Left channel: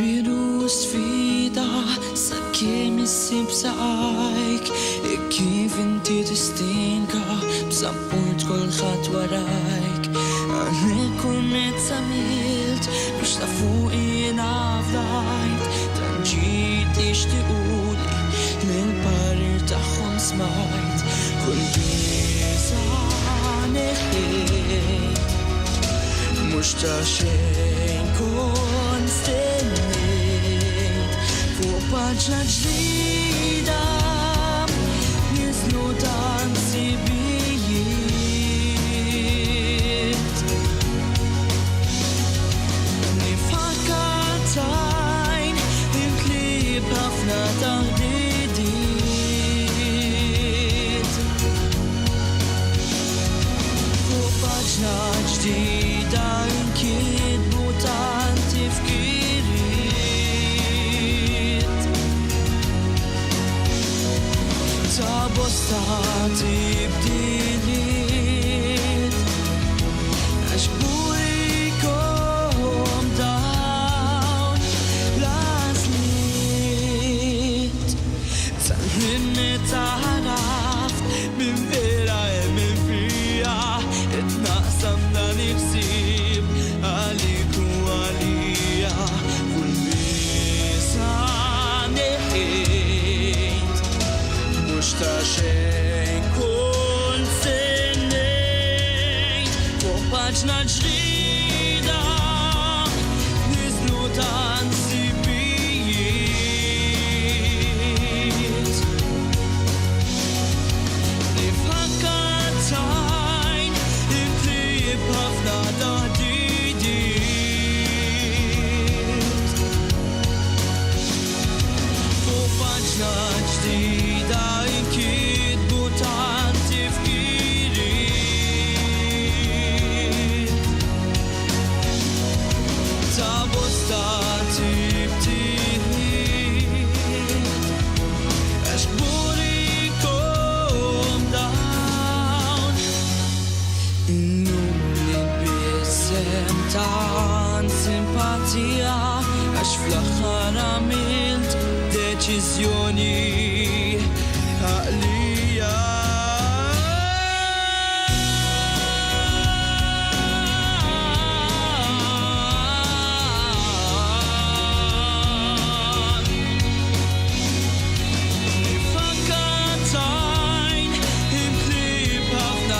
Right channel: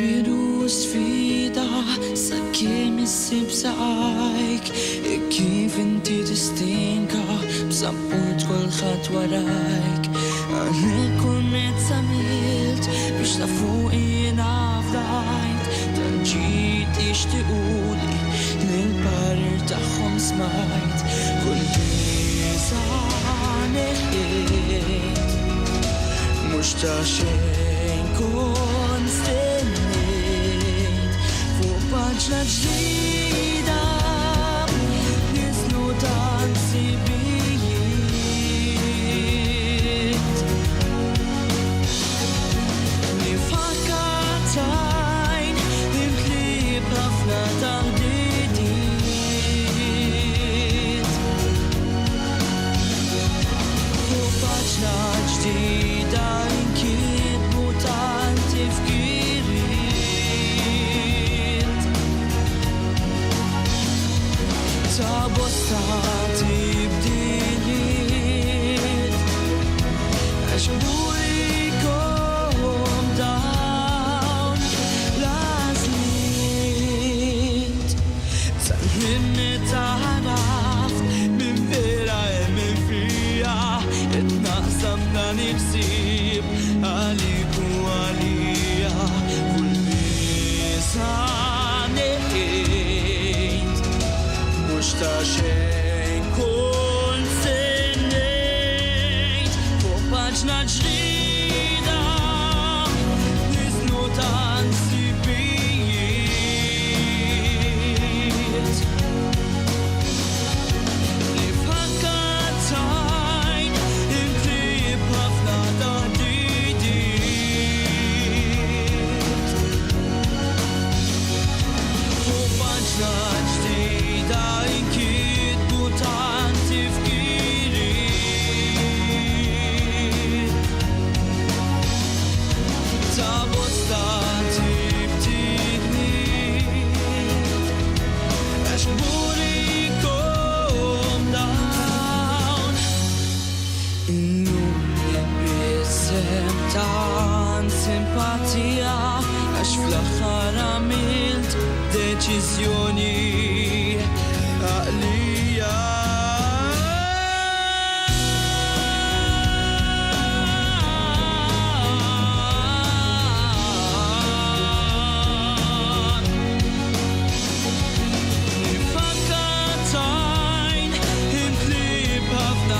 bidu sfida sakemm issib saqajk kif inti tistinka b'sapport kulħadd warajk għalhekk kunnet samilt biex tafuq jiena fdajt tanġit ixtiquli lill-parir tagħhom smajt kull biża' neħħejt mux ta' xejn kon stennejt fuq paġna ġdida nislu ta' nsibijiet nifakkatajn imtlib ħafna taħdidiet fuq paġna ġdida inkitbu tant tifkiriet ta' bosta tibdiliet għax burikom dawn l-għażliet tal-minni ta'raft minn vera minn fija itnaqsam dan il-ħsieb għalik u għalija kull biża' neħħejt mux ta' xejn kont stennejt fuq paġna ġdida nislu ta' nsibijiet nifakkatajn imtlib ħafna taħdidiet fuq paġna ġdida inkitbu tant tifkiriet ta' bosta tibdiliet għax burikom dawn innum li b'isem tant simpatija għax fl-aħħar għamilt deċiżjoni għaqlija nifakkatajn imtlib ħafna